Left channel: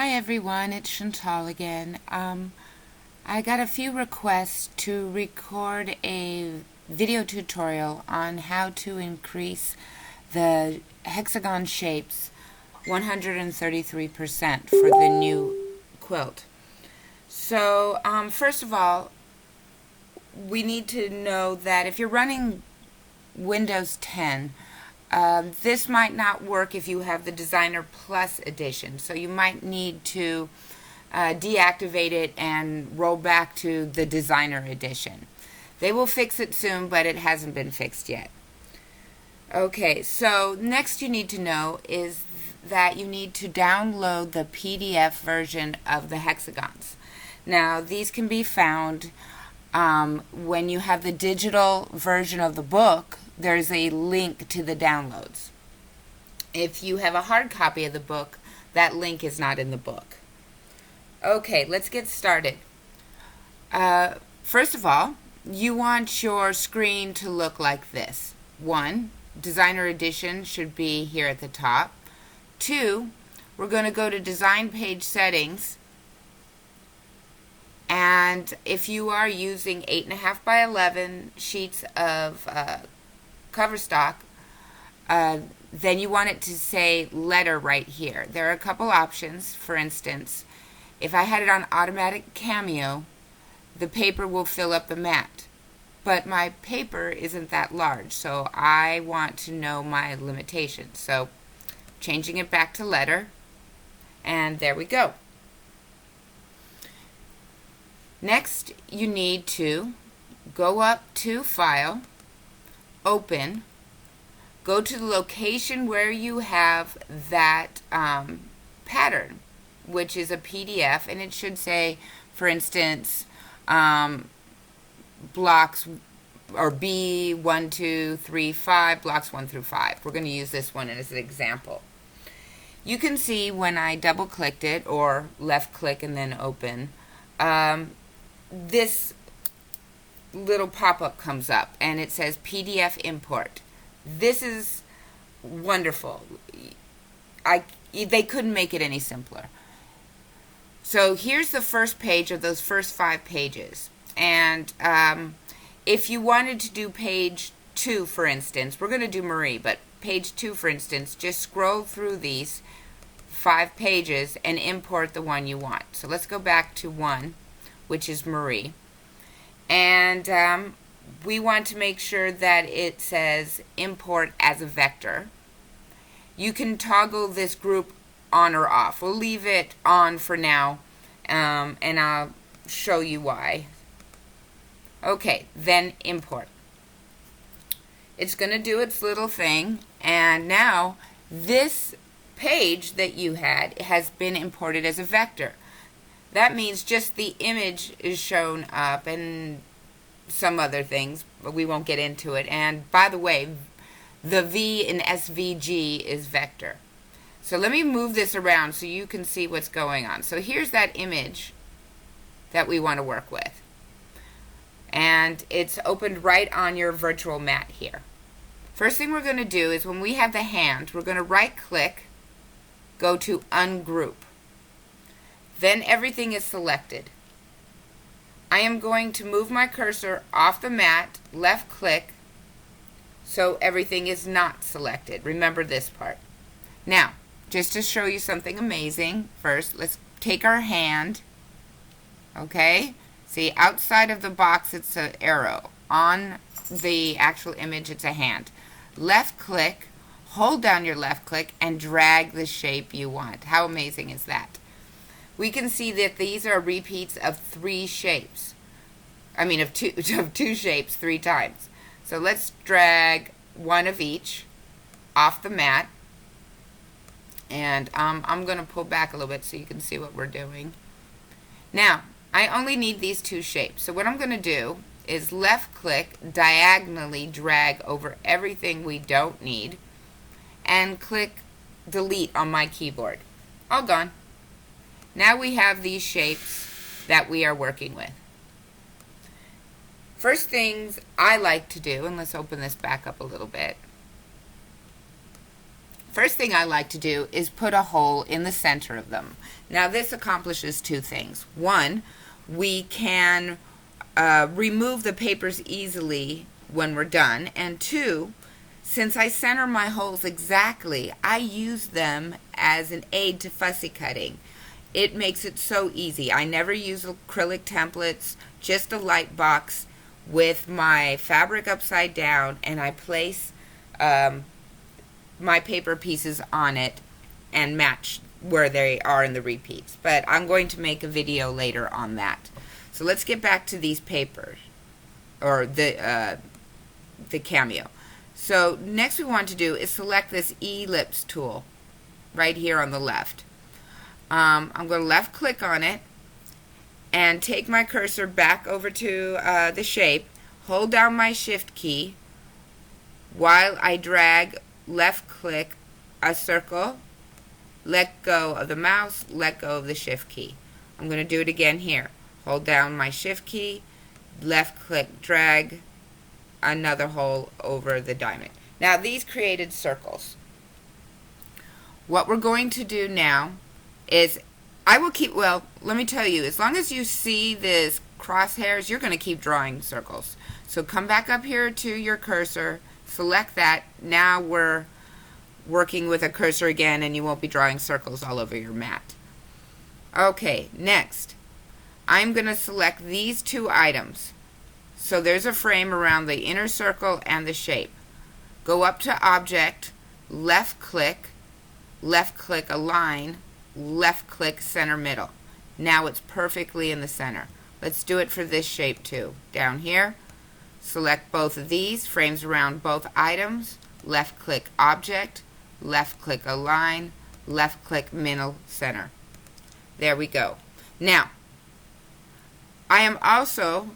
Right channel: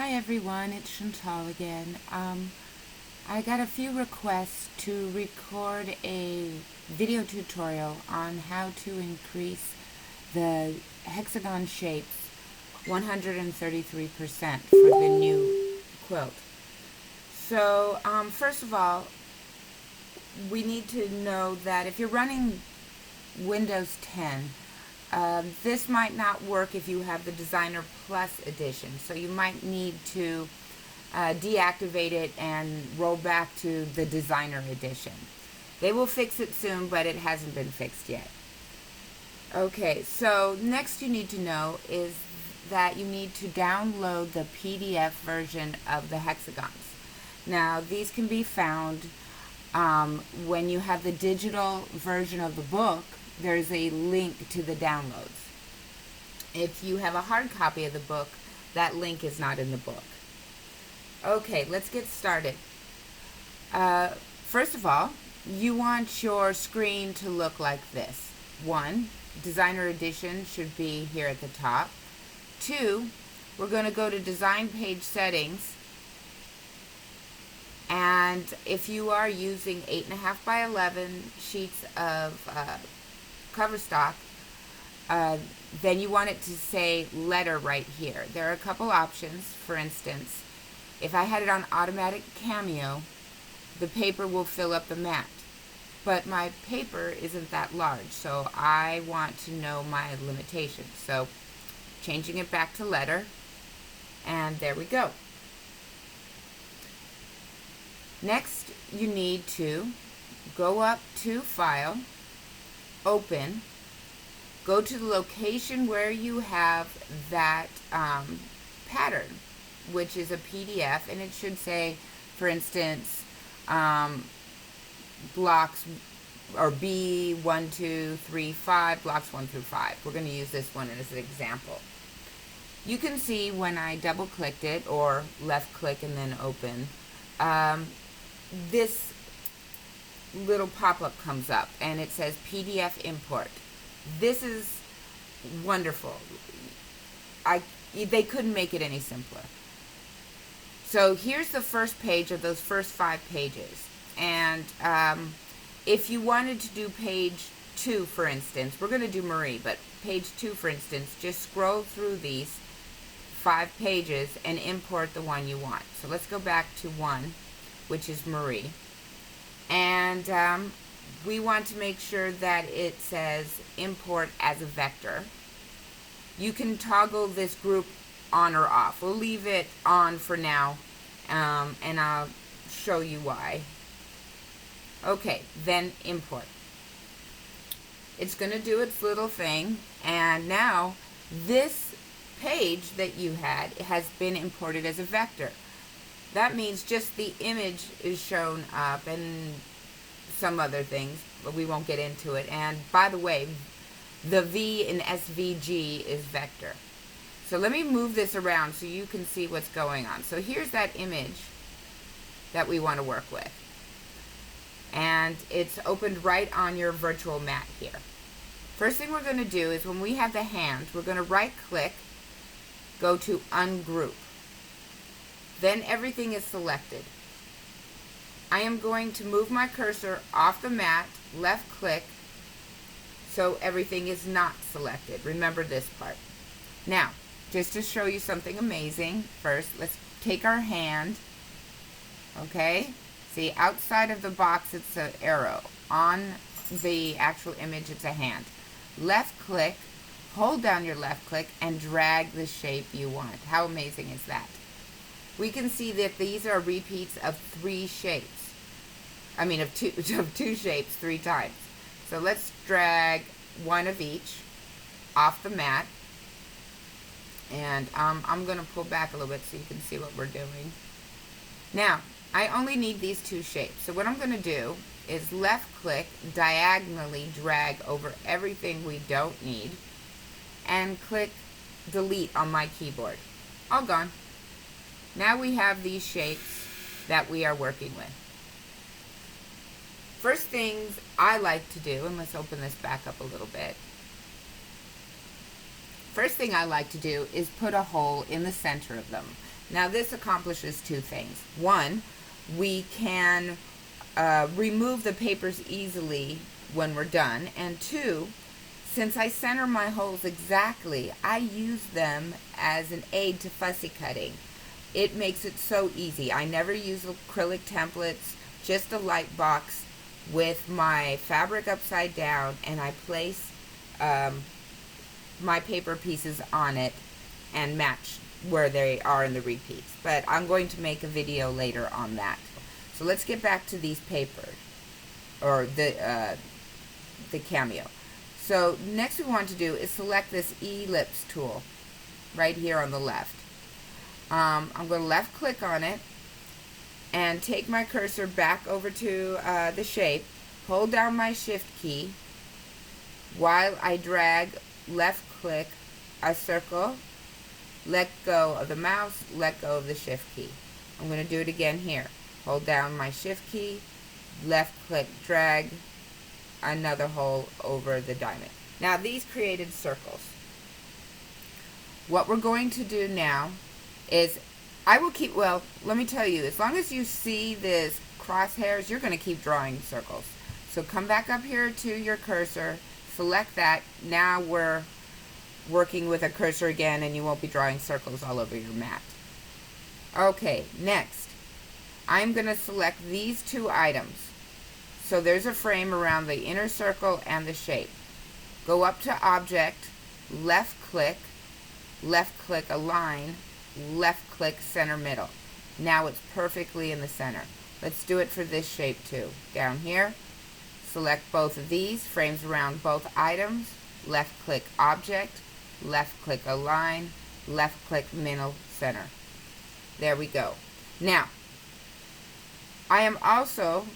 Hi everyone, it's Chantal again. I got a few requests to record a video tutorial on how to increase the hexagon shapes 133% for the new quilt. So first of all, we need to know that if you're running Windows 10, this might not work if you have the Designer Plus edition, so you might need to deactivate it and roll back to the Designer edition. They will fix it soon, but it hasn't been fixed yet. Okay, so next you need to know is that you need to download the PDF version of the hexagons. Now, these can be found when you have the digital version of the book. There's a link to the downloads. If you have a hard copy of the book, that link is not in the book. Okay, let's get started. First of all, you want your screen to look like this. 1, Designer Edition should be here at the top. 2, we're going to go to Design Page Settings. And if you are using 8.5 by 11 sheets of cover stock, then you want it to say letter right here. There are a couple options. For instance, if I had it on automatic cameo, the paper will fill up the mat. But my paper isn't that large, so I want to know my limitations. So changing it back to letter, and there we go. Next, you need to go up to File, Open, go to the location where you have that pattern, which is a PDF, and it should say, for instance, blocks or B1, 2, 3, 5, blocks 1 through 5. We're going to use this one as an example. You can see when I double clicked it or left click and then open, this little pop-up comes up and it says PDF import. This is wonderful. They couldn't make it any simpler. So here's the first page of those first 5 pages. And if you wanted to do page 2, for instance, we're going to do Marie, but page 2, for instance, just scroll through these 5 pages and import the one you want. So let's go back to 1, which is Marie. And we want to make sure that it says import as a vector. You can toggle this group on or off. We'll leave it on for now, and I'll show you why. Okay, then import. It's going to do its little thing, and now this page that you had has been imported as a vector. That means just the image is shown up and some other things, but we won't get into it. And by the way, the V in SVG is vector. So let me move this around so you can see what's going on. So here's that image that we want to work with. And it's opened right on your virtual mat here. First thing we're going to do is when we have the hand, we're going to right click, go to ungroup. Then everything is selected. I am going to move my cursor off the mat, left click, so everything is not selected. Remember this part. Now, just to show you something amazing, first let's take our hand, okay? See, outside of the box it's an arrow. On the actual image it's a hand. Left click, hold down your left click, and drag the shape you want. How amazing is that? We can see that these are repeats of 3 shapes. I mean of two shapes 3 times. So let's drag one of each off the mat. And I'm going to pull back a little bit so you can see what we're doing. Now, I only need these 2 shapes. So what I'm going to do is left click, diagonally drag over everything we don't need, and click delete on my keyboard. All gone. Now we have these shapes that we are working with. First things I like to do, and let's open this back up a little bit, First thing I like to do is put a hole in the center of them. Now this accomplishes two things. One, we can remove the papers easily when we're done. And two, since I center my holes exactly, I use them as an aid to fussy cutting. It makes it so easy. I never use acrylic templates, just a light box with my fabric upside down, and I place my paper pieces on it and match where they are in the repeats. But I'm going to make a video later on that. So let's get back to these papers, or the Cameo. So next we want to do is select this ellipse tool right here on the left. I'm going to left click on it and take my cursor back over to the shape, hold down my shift key while I drag left click a circle, let go of the mouse, let go of the shift key. I'm going to do it again here. Hold down my shift key, left click, drag another hole over the diamond. Now these created circles. What we're going to do now is well, let me tell you, as long as you see this crosshairs, you're going to keep drawing circles. So come back up here to your cursor, select that. Now we're working with a cursor again, and you won't be drawing circles all over your mat. Okay, next, I'm going to select these two items. So there's a frame around the inner circle and the shape. Go up to Object, left click Align, left click Center Middle. Now it's perfectly in the center. Let's do it for this shape too. Down here, select both of these, frames around both items, left click Object, left click Align, left click Middle Center. There we go. Now, I am also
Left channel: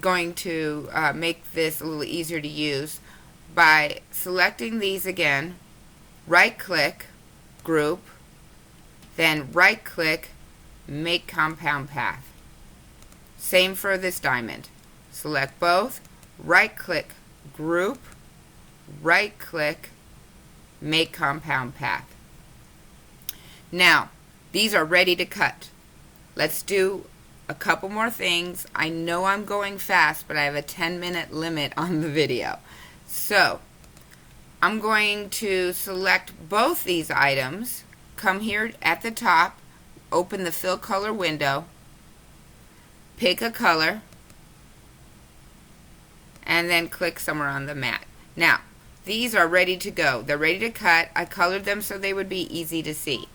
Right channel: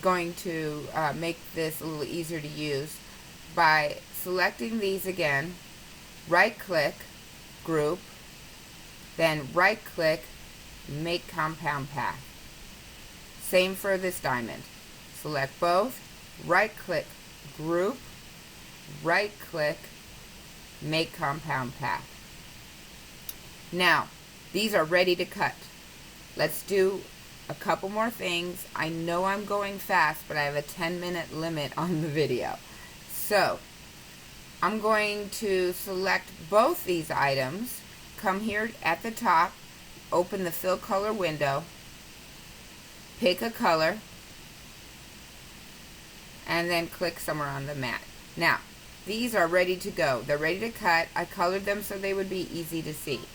going to make this a little easier to use by selecting these again, right click, group, then right click, make compound path. Same for this diamond. Select both, right click, group, right click, make compound path. Now, these are ready to cut. Let's do a couple more things. I know I'm going fast, but I have a 10-minute limit on the video. So, I'm going to select both these items, come here at the top, open the fill color window, pick a color, and then click somewhere on the mat. Now, these are ready to go. They're ready to cut. I colored them so they would be easy to see.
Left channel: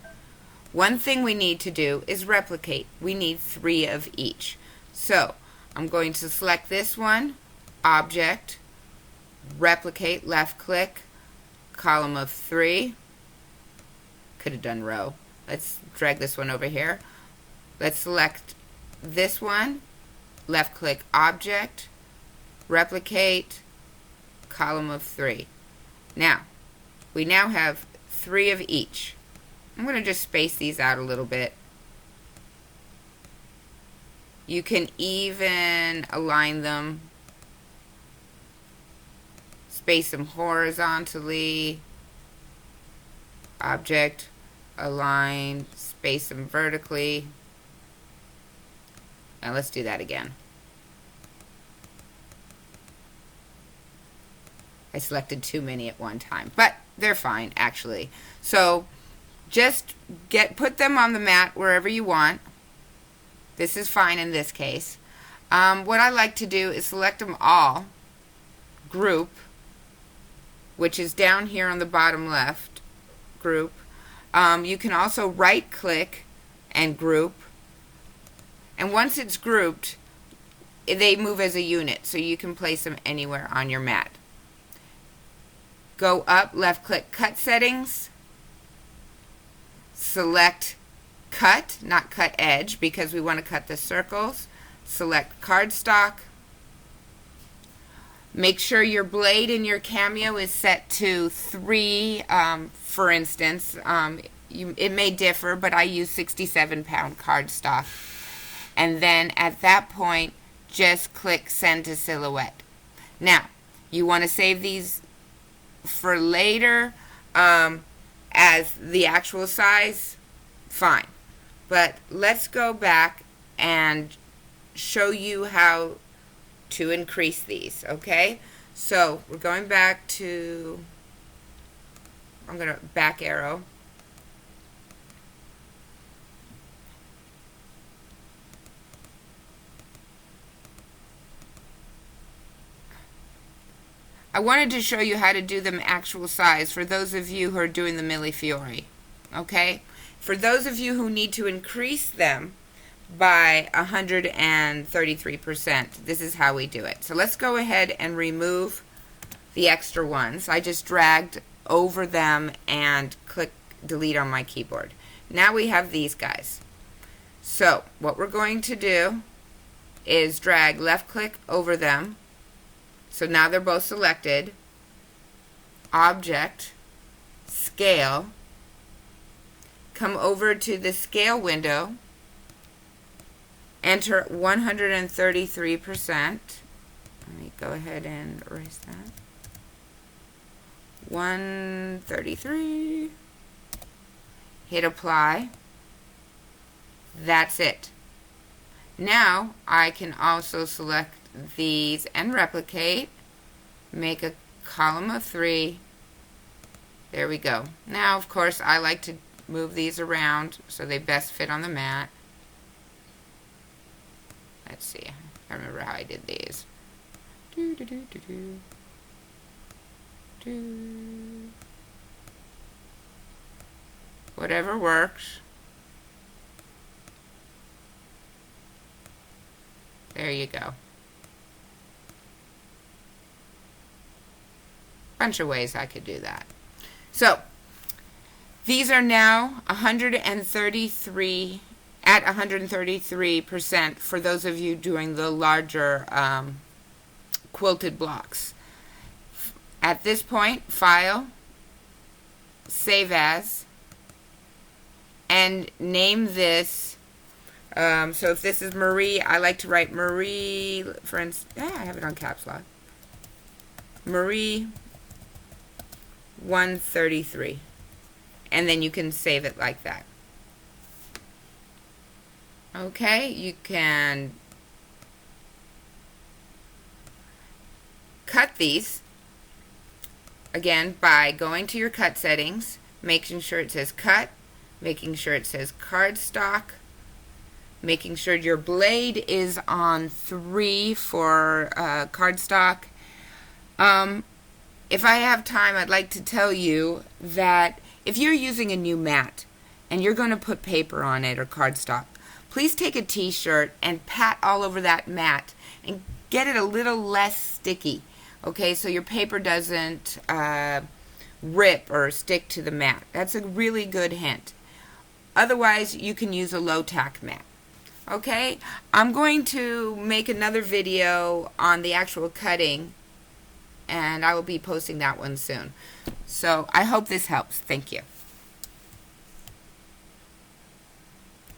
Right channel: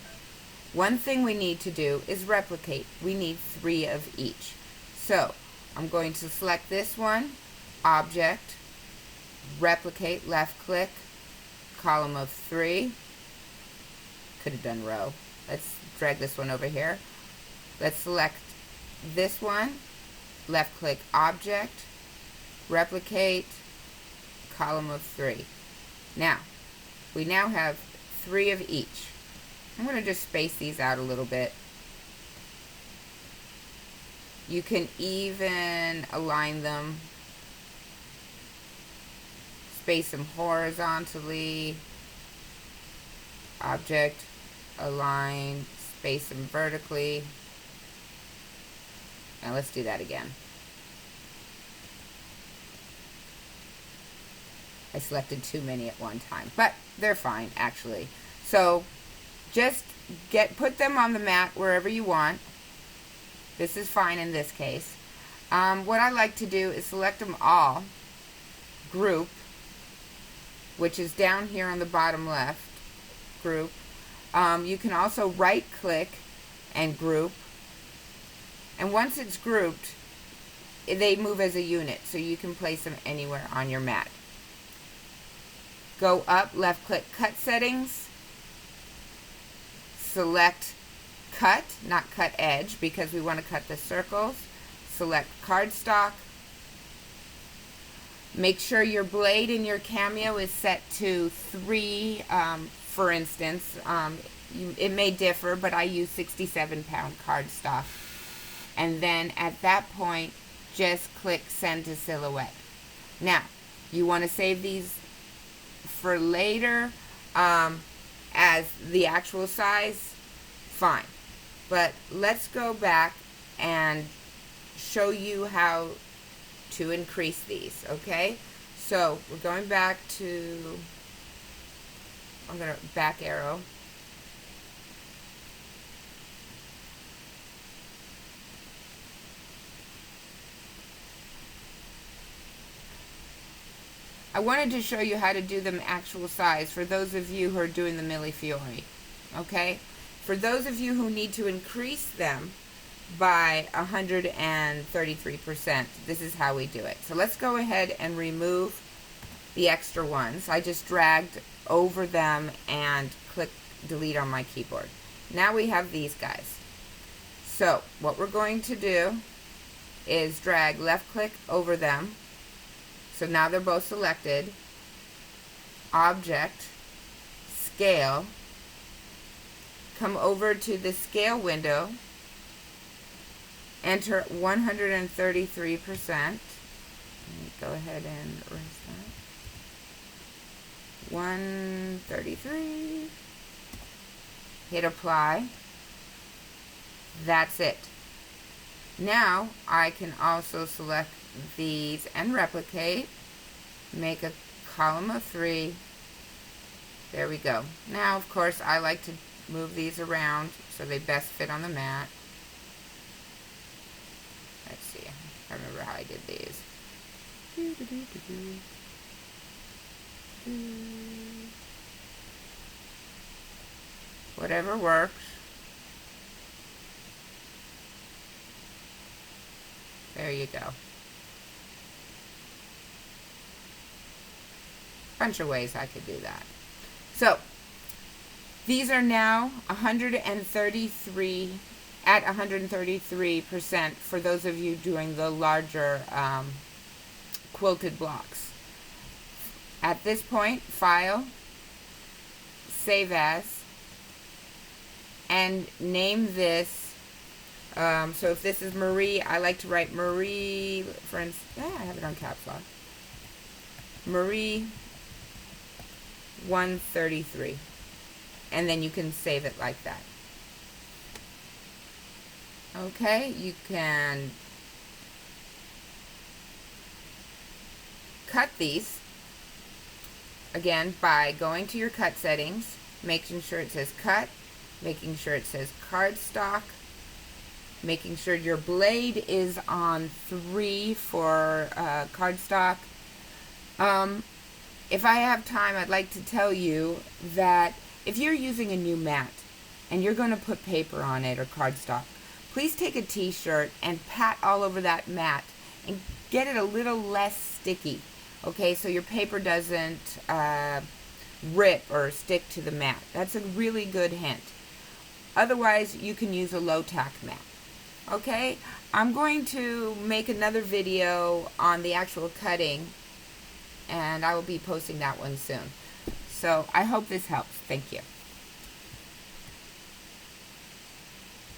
One thing we need to do is replicate. We need 3 of each. So, I'm going to select this one, Object, replicate, left click, column of 3. Could have done row. Let's drag this one over here. Let's select this one, left click Object, replicate, column of 3. Now, we now have 3 of each. I'm going to just space these out a little bit. You can even align them, space them horizontally, Object, align, space them vertically. Now let's do that again. I selected too many at one time, but they're fine actually. So just put them on the mat wherever you want. This is fine in this case. What I like to do is select them all, group, which is down here on the bottom left, group. You can also right click and group. And once it's grouped, they move as a unit, so you can place them anywhere on your mat. Go up, left click cut settings, select cut, not cut edge, because we want to cut the circles. Select cardstock. Make sure your blade in your Cameo is set to 3, for instance. It may differ, but I use 67-pound cardstock. And then at that point, just click Send to Silhouette. Now, you want to save these for later. as the actual size, fine. But let's go back and show you how to increase these, okay? So we're going back to, I'm going to back arrow. I wanted to show you how to do them actual size for those of you who are doing the Millefiori, okay? For those of you who need to increase them by 133%, this is how we do it. So let's go ahead and remove the extra ones. I just dragged over them and click delete on my keyboard. Now we have these guys. So what we're going to do is drag left click over them. So now they're both selected. Object, scale, come over to the scale window, enter 133%. Let me go ahead and erase that. 133. Hit apply. That's it. Now I can also select these and replicate, make a column of 3. There we go. Now of course I like to move these around so they best fit on the mat. Let's see, I remember how I did these. Whatever works. There you go. Bunch of ways I could do that. So these are now 133 at 133% for those of you doing the larger quilted blocks. At this point, file, save as, and name this. So if this is Marie, I like to write Marie, for instance, I have it on caps lock. Marie 133. And then you can save it like that. Okay, you can cut these again by going to your cut settings, making sure it says cut, making sure it says cardstock, making sure your blade is on 3 for cardstock. If I have time, I'd like to tell you that if you're using a new mat and you're going to put paper on it or cardstock, please take a t-shirt and pat all over that mat and get it a little less sticky, okay, so your paper doesn't rip or stick to the mat. That's a really good hint. Otherwise, you can use a low-tack mat. Okay, I'm going to make another video on the actual cutting, and I will be posting that one soon. So I hope this helps. Thank you.